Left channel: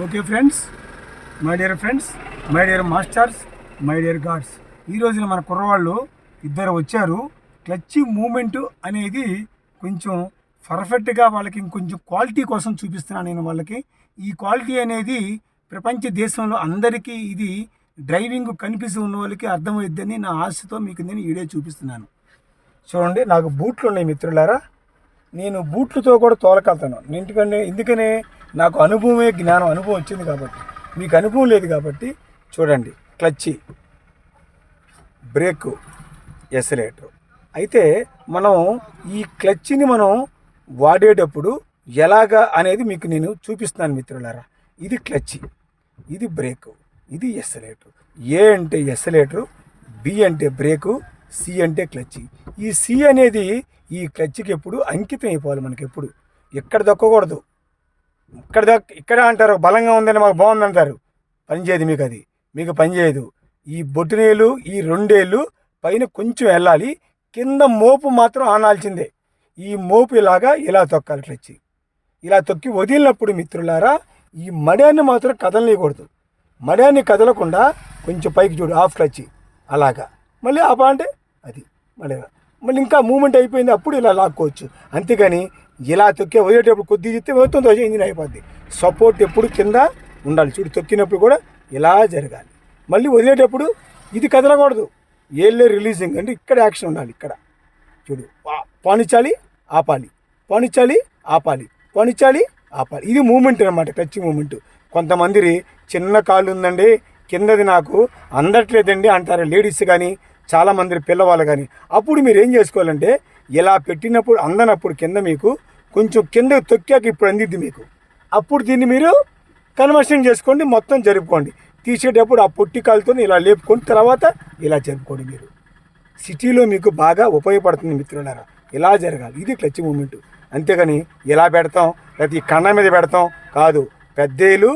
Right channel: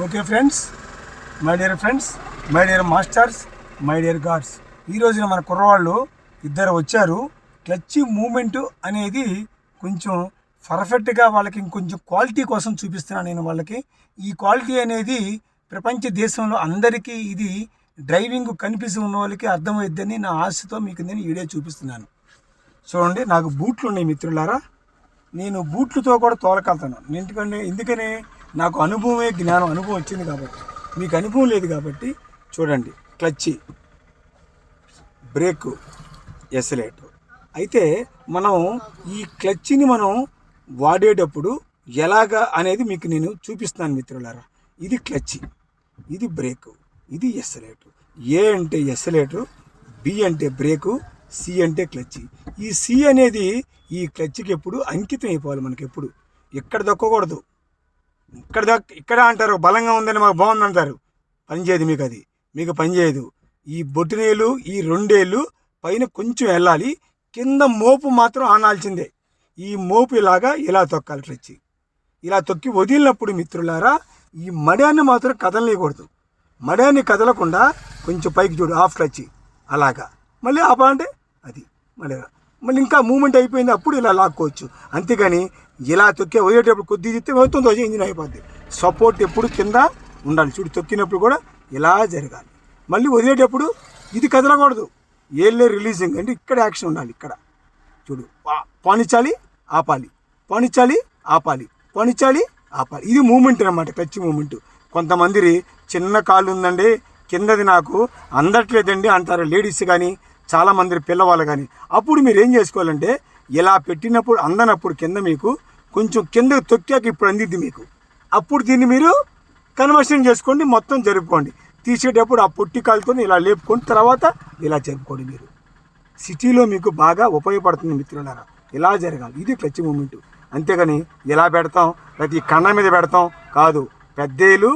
Okay friends my dear friends my dear masters my dear gods. ఈ రోజున మన కుర్రవాళ్ళు ఇద్దరు వచ్చారు. క్లచ్ మూమెంట్ అనేది కొంచెం పర్ఫెక్ట్గా వాళ్ళకి ఇంకొంచెం క్వాలిటీ కోసం చూపిస్తున్నాను నేను వాళ్ళకి. ఈ క్వాలిటీ అనేది ప్రపంచ దేశంలో అందరికీ ఇది డ్రైవింగ్ కనిపిస్తూ ఉన్న వాళ్ళకి అర్థమవుద్దని నా ఆశతో మీకు నేను వీడియో చూపిస్తున్నాను. చూడండి నాకు బూట్లు ఉన్నాయి మిత్రులారా. నేను బూట్లతో కూడా తోలకెళ్తాను. ఎందుకంటే ఎందుకనే నాకు అనుభవమే జ్ఞానం అనుభవం వచ్చింది కాబట్టి. మీకు అనుభవం లేదు కాబట్టి చూడండి క్లచ్చి బ్రేక్ ఎసలేటర్ అయితే మనం ఈ క్లచ్ని మనం వాడేటప్పుడు ఎలాగా అనేది మీకు నేను చూపిస్తున్నాను మిత్రులారా. ఇది క్లచ్చి ఇది బ్రేక్ ఇది ఎస్సలేటర్ ఏ అంటే ఎస్సలేటర్ బి అంటే బ్రేకు సి అంటే క్లచ్చి ఈ సి అనేది ఈ క్లచ్కి ఎప్పుడు అంకితం అయిపోవాలి మనకి ఎప్పుడు. ఎక్కడ దక్కకూడదు. ఇక్కడ ఇక్కడ అంటారు బలంగా ఉందని మాకు బాగుంది అంటారు పనిచేయదు మీకు అది. మీకు పని చేయదు. ఈ బొట్టునేలు ఈ రెండేళ్ళు పైన కొంచెం వెళ్ళాలి. కింద మోపు మాత్రం ఆనాల్సిందే. ఈ మోపు ఇలాగా ఇలా తొక్కాలి క్లచ్చి ఇలా తొక్కి వదిలినప్పుడు మిత్రులారా ఈ మడాన్ని మాత్రం కదలనీయకూడదు. మడాన్ని కదలకుండా కొంచెం పైకి చూడు హాఫ్ క్లచ్ అలాగా. మళ్ళీ ఆపా అంటే అది. మళ్ళీ మళ్ళీ ఇంకా మూమెంట్ అయిపోయింది అప్పుడు ఇలా లాక్కోవచ్చు. అంతేగాని ఇలా తొక్కే వదిలేటప్పుడు కొద్ది తిత్తే మొత్తం దోశ ఇంజిన్ అయిపోద్ది. సపోర్ట్ ఎప్పుడు కింద ఉండాలి. చూడు తొక్కినప్పుడు కూడా ఇలా జరగాలి. మళ్ళీ వదిలేటప్పుడు ఇది కదలకూడదు. ఏళ్ళే రిలీజింగ్ అంటే ఇక్కడ యాక్షన్ ఉండాలి ఇక్కడ. చూడు పనిచాలి ఆపాలి. పనిచాలి ఆపాలి. పనిచాలి ఆపాలి. ఇది మూమెంట్ అనమాట టచ్ మూమెంట్ కొంతమంది చిన్న కాళ్ళు ఉందండి కిందది నాకు అందట్లేదండి అంటారు లేడీస్ కానీ చాలామంది పిల్లవాళ్ళు కానీ అప్పుడు మీరు ఏం చేసుకోవాలంటే ఇలా పెట్టినప్పుడు అందనప్పుడు కింద మీకు కొంచెం కిందకి తొక్కాక ఇప్పుడు అందిద్ది మీకు. అప్పుడు దీన్ని మీరు కన్వర్షన్ చేసుకోండి మొత్తం జరుపుకోండి. తీసేటప్పుడు ఆ పొట్టి కాలుతో ఇలా లేపుకొని తర్వాత ఇలా జరుపుకోండి మీరు. సిటీలో మీకు బాగా ఉపయోగపడుతుంది మిత్రులారా. ఇలా జరగాలి. ఇది క్లచ్ మూమెంట్. అంతేగాని ఇలా పెడతాం ప్రతి కన్న మీద పెడతాం కాదు. పెద్దేలు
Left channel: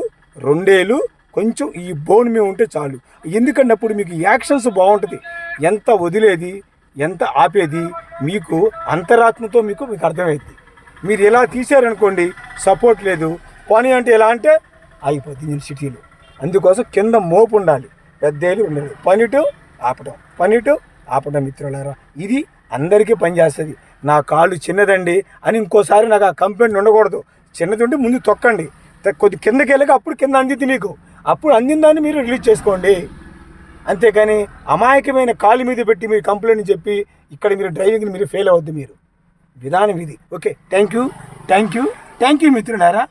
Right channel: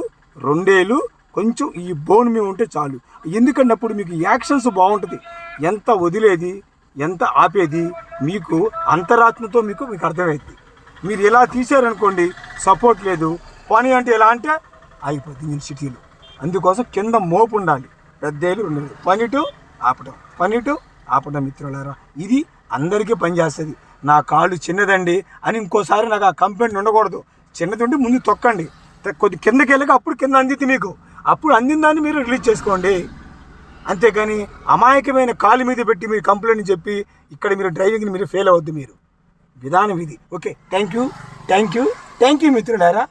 రెండేలు కొంచెం ఈ బోన్ మీద ఉంటే చాలు. ఎందుకంటే అప్పుడు మీకు యాక్షన్స్ బాగుంటుంది. ఎంత వదిలేది ఎంత ఆపేది మీకు అంతరాత్మతో మీకు మీకు అర్థమవుతుంది మీరు ఇలా తీశారనుకోండి సపోర్ట్ లేదు. పని అంటే ఎలా అంటే అయిపోద్ది నేను సిటీలో. అందుకోసం కింద మోపు ఉండాలి. పెద్దేలు ఉండదు. పనిటు ఆపడం పనిటు ఆపడం మిత్రులారా. ఇది అందరికీ పనిచేస్తుంది నా కాళ్ళు చిన్నదండి అని ఇంకోసారి నాకు ఆ కంప్లైంట్ ఉండకూడదు. చిన్నది ఉంటే ముందు తొక్కండి. కొద్ది కిందకి వెళ్ళక అప్పుడు కింద అందింది మీకు అప్పుడు అందిన దాన్ని మీరు రిలీజ్ చేసుకోండి. అంతేకాని అమాయకమైన కాలు మీద పెట్టి మీరు కంప్లైంట్ చెప్పి ఇక్కడ మీరు డ్రైవింగ్ని మీరు ఫెయిల్ అవ్వద్దు మీరు. విధానం ఇది okay thank you thank you thank you మిత్రులారా.